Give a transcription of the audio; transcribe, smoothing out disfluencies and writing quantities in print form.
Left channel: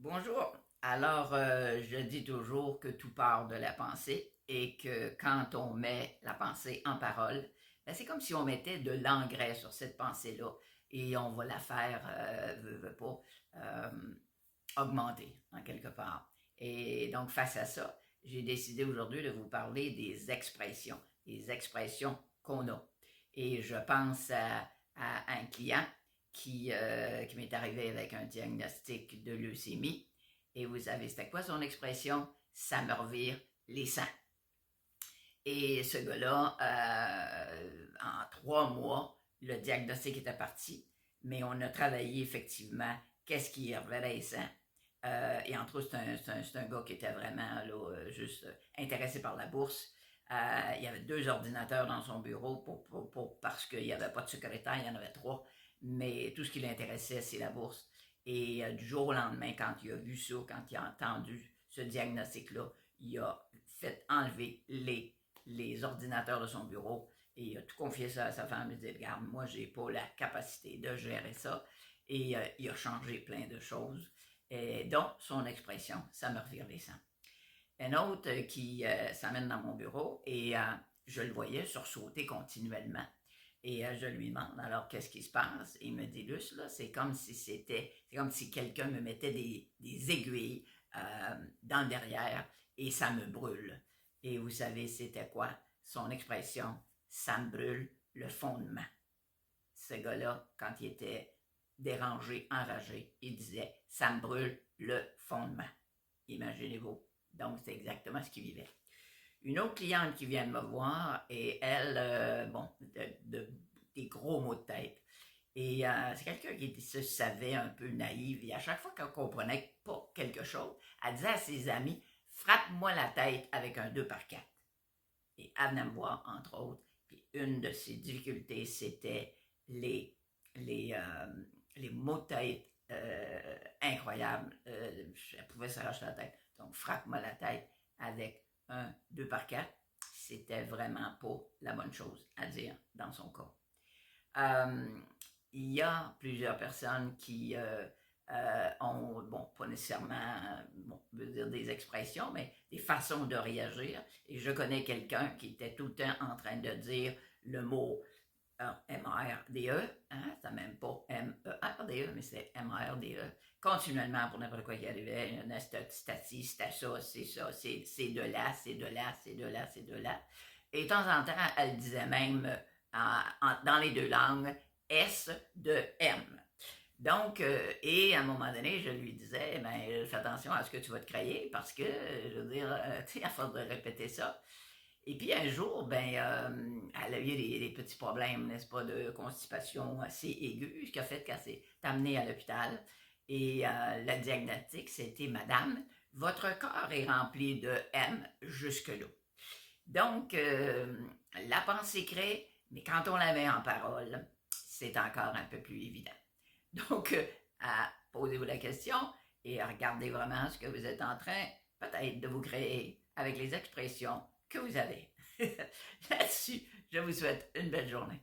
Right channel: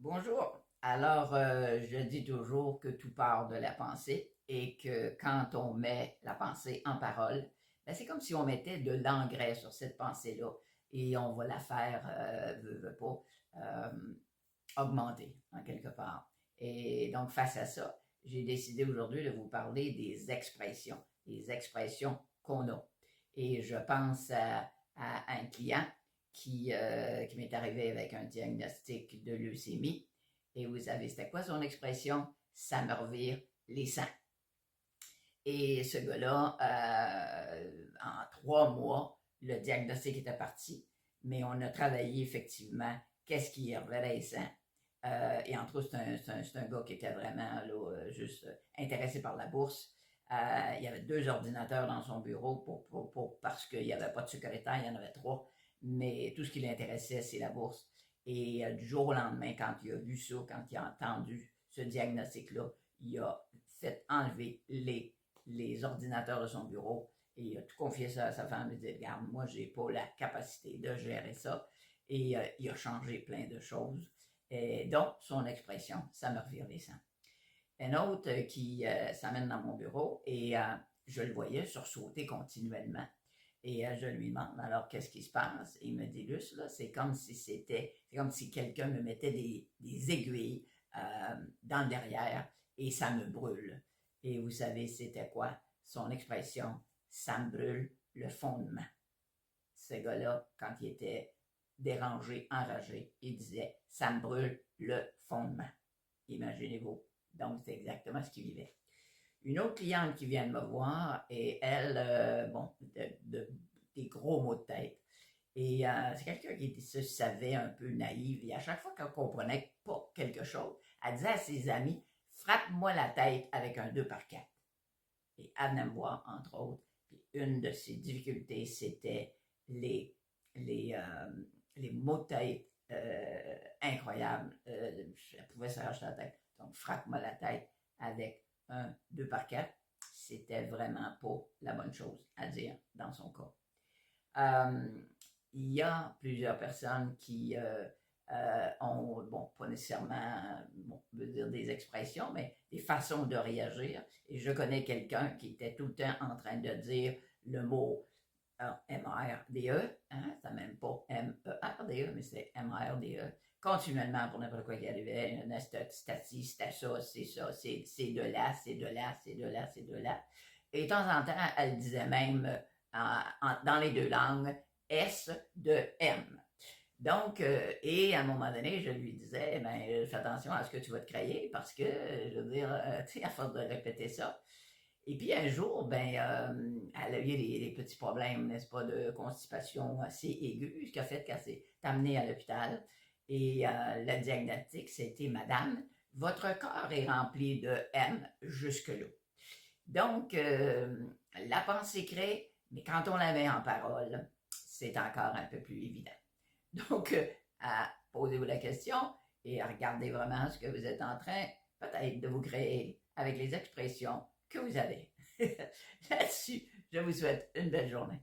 Bonjour. Alors, je dis toujours que tout part de la pensée et que quand on met la pensée en parole, ben, c'est comme si on mettait de l'engrais sur cette pensée-là et on va la faire, veut pas, euh, augmenter en quelque part. Et donc, face à ça, j'ai décidé aujourd'hui de vous parler des expressions qu'on a. Et je pense à un client qui m'est arrivé avec un diagnostic de leucémie. Et vous savez, c'était quoi son expression? Ça me revire les sangs. Et ce gars-là, en 3 mois, le diagnostic était parti, mais on a travaillé effectivement qu'est-ce qui reverrait les sangs. Et entre autres, c'est un gars qui était vraiment là, juste intéressé par la bourse. Il y avait 2 ordinateurs dans son bureau parce qu'il n'y avait pas de secrétaire, il y en avait 3. Mais tout ce qui l'intéressait, c'est la bourse. Et du jour au lendemain, quand il a vu ça, quand il a entendu ce diagnostic-là, il a fait enlever les ordinateurs de son bureau et il a tout confié ça à sa femme. Il dit, regarde, moi, j'ai pas la capacité de gérer ça. Et il a changé plein de choses. Et donc, son expression, ça me revire les sangs. Un autre qui s'amène dans mon bureau et je le voyais sursauter continuellement. Et je lui demande, alors, qu'est-ce qui se passe? Et il me dit, Luce, là, c'est comme si quelqu'un me mettait des aiguilles dans le derrière et ça me brûle. Et vous savez, c'était quoi? Son expression, ça me brûle le fondement. Ce gars-là, quand il était dérangé, enragé, il disait, ça me brûle le fondement. Imaginez-vous. Donc, c'est exactement ce qu'il vivait. Une autre cliente qui vient de me voir et elle, des gros maux de tête. Et c'est quelqu'un qui se savait un peu naïve. Et à chaque fois qu'elle comprenait pas quelque chose, elle disait à ses amis, frappe-moi la tête avec un 2 par 4. Et elle venait me voir, entre autres. Puis une de ses difficultés, c'était les, les, euh, les mots de tête incroyables. Elle pouvait s'arracher la tête. Donc, frappe-moi la tête avec un 2 par 4. C'était vraiment pas la bonne chose à dire dans son cas. Euh, il y a plusieurs personnes qui ont, bon, pas nécessairement, bon, veut dire des expressions, mais des façons de réagir. Et je connais quelqu'un qui était tout le temps en train de dire le mot M-A-R-D-E, hein, c'est même pas M-E-R-D-E, mais c'est M-A-R-D-E, continuellement pour n'importe quoi qui arrivait, c'était ça, c'est de là, c'est de là, c'est de là, c'est de là. Et de temps en temps, elle disait même dans les deux langues S de M. Donc, et à un moment donné, je lui disais, ben, fais attention à ce que tu vas te créer parce que, je veux dire, tu sais, à force de répéter ça. Et puis un jour, ben, elle a eu des petits problèmes, n'est-ce pas, de constipation assez aiguë, ce qui a fait qu'elle s'est amenée à l'hôpital. Et le diagnostic, c'était, Madame, votre corps est rempli de M jusque-là. Donc, la pensée crée, mais quand on la met en parole, c'est encore un peu plus évident. Donc, posez-vous la question et regardez vraiment ce que vous êtes en train peut-être de vous créer avec les expressions que vous avez. Là-dessus, je vous souhaite une belle journée.